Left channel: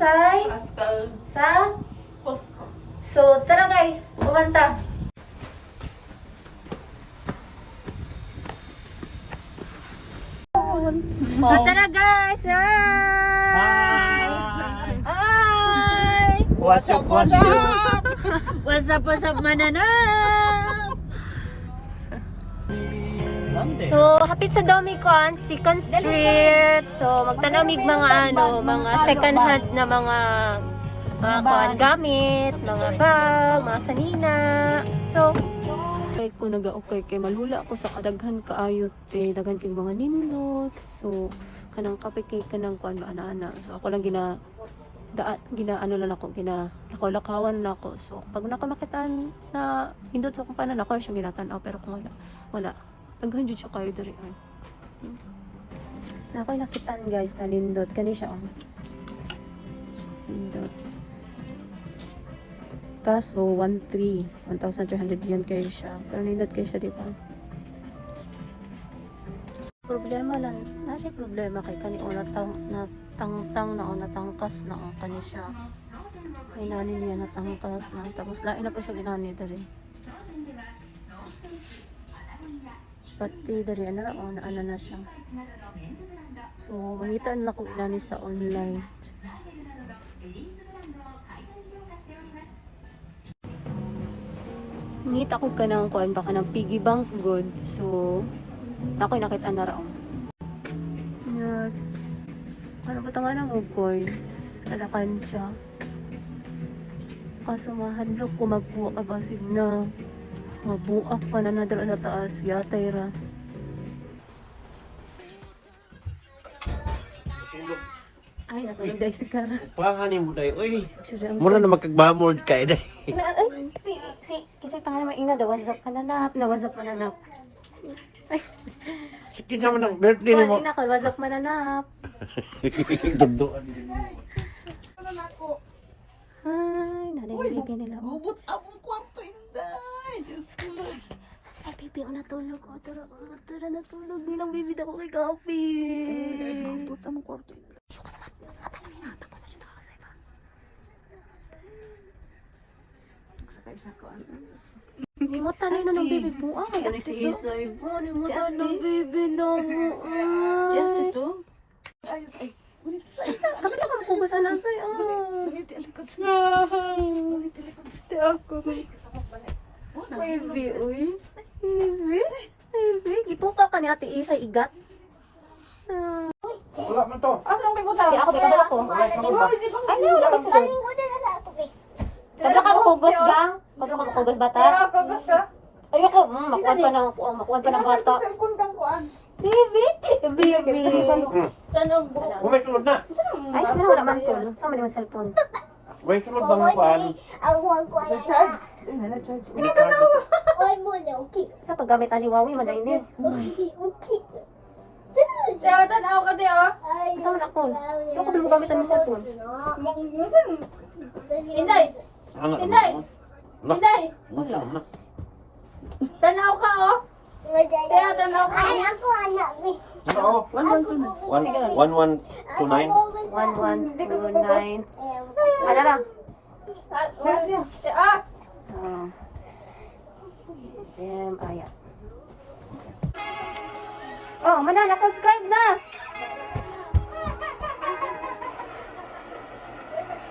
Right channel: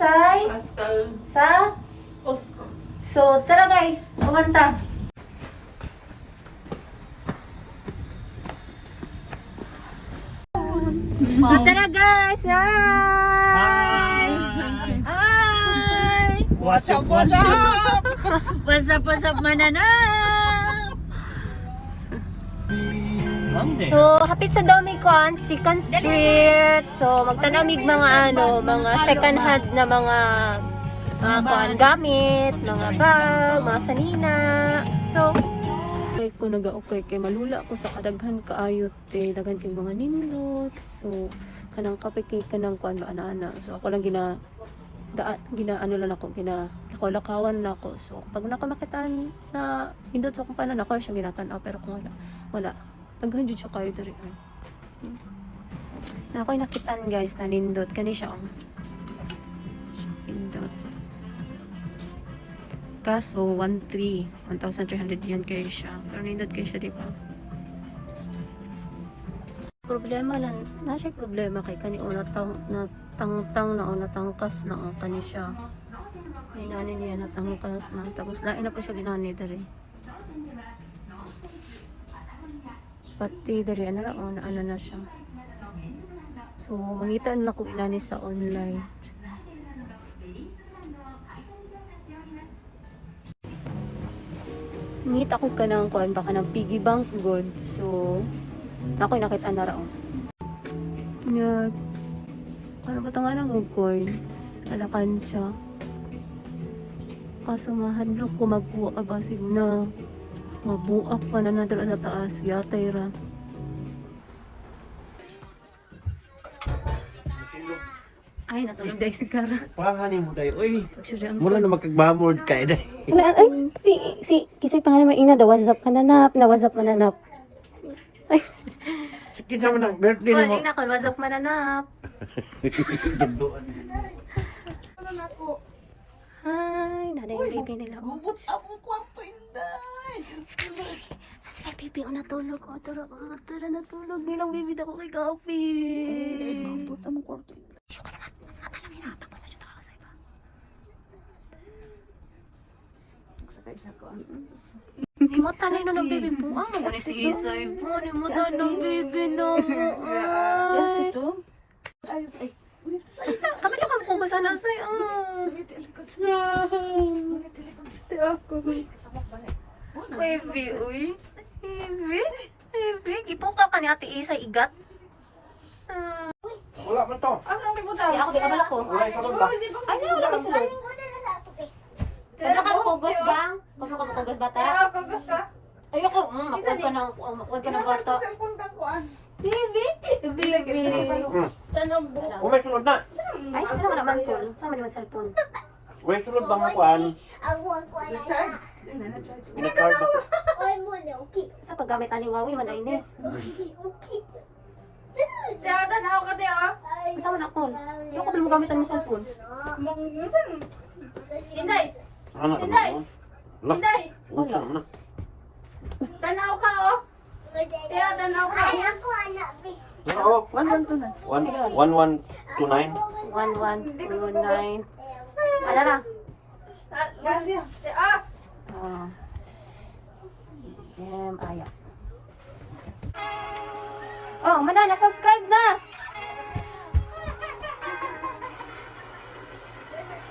say Pascal. sa Oscar. So, tara guys, kumanta. Tara guys, hi! Hi! What's up, what's up? What's up, mananang? Monday. So, hapit sa dami ko ang second street. So, magtanamig mga mga second hand na mga kuan gamit, mga bag, mga sanina. So, kay ko nagaukay kay malula ko sa kadaghan kaayot daghan kay mga nindot. So, kanang kape kay kanang kuan ana-ana. So, ako lang ginaano lang ako, nakolakawan na ako. So, pag nakamakitaan na nindot sa kumpanan ako siya ginatan-aw, pero kung wala. Daghan jud siya kayo diri. Na ako'y nakitaan guys na nindot kani siya. Nindot. Kaso 1,300 yun kayo siya. Pero nindot kayo siya, di ba? Problema lang. Siya problema kay kani una tang na una tangkas na ang kani siya. Ay nani niya natangkas na. Tapos lain na po siya ginani diri. Pati dari ano na siya. So mangitaan na ko inani sa online. Ngit ako kanang kuan baka ng piggy bank good. So ako'y nakita na raw. Yeah. Ano ba tanga ng coin? Alakan siya. Kaso mahadlok ko magbuwa ka basig na mabuak pa na nadala sa taas, yatay ra. Ay, natulog dahil si Kara. Pahanin mo tayo. Uy, Actually, ang... muna na magkagbamod ka eh. Ay, kisay pangalan mo ina, the WhatsApp mananap, na WhatsApp mananap. Ay, Sige naman ang birthday ni mo. ina ka, WhatsApp mananap. Dunduan. Ay, nanay yung baby nila. Gubot ang kwarto, inday. Ay, baby, natulog. Tara, natulog. Nilang baby na ko kay Gabi. Gubot ang kwarto, inday. Nagsakay sa ko. Ni mo tanay na ng baby po. Ah, ano si Isay po. Ni mo tanay ng baby na mo. Ay. Ito? Ayos ay. Ulit sa'yo. Kami na kami kugusan ng say. Ulit ilikod sa'yo. Ulit ilikod sa'yo. Baby, uy. Baby. Ipuka ka ni Ate Isay igat. Wala man to. Di ako, bikabala ko. Ay, na, wala kasi doon. Kabla ka kugos, gang. Kabla ka kugos, bata. Ayoko, makuha pa ng bata. Baby. Umay sunod na. Ay, pero wala man ko. Sama naman cellphone. Umay sunod bang kuan? Na-charge? Na-charge. Ina-card ako. Sa paggamit ani Wawi, malain eh. Kasama na ko. Ayoko pa mo gamitan mo cellphone. Ano? Wala. Wala. Tanaw ka, oh. Kaya tanaw ka. Oo. 1129. 1129. Ano na? Gracias. Gem, ayan. Oh, mana, na-subscribe na!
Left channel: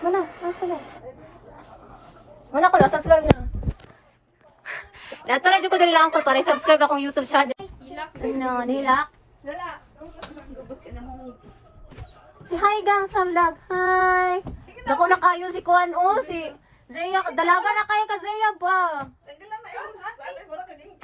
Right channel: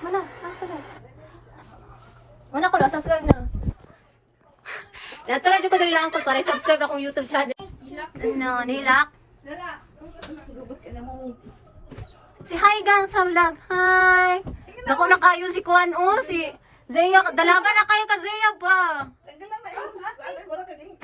Mana, Mana ko na-subscribe na. Natulad ko dali lang ko para subscribe akong YouTube channel. Ano, nilak? Gubot ka na mo. Si Hi Gang sa vlog. Hi! Dako na kayo si Kuan o, si Zeya. Dalaga na kayo ka Zeya ba? Tanggal lang na yun. Wala ka din.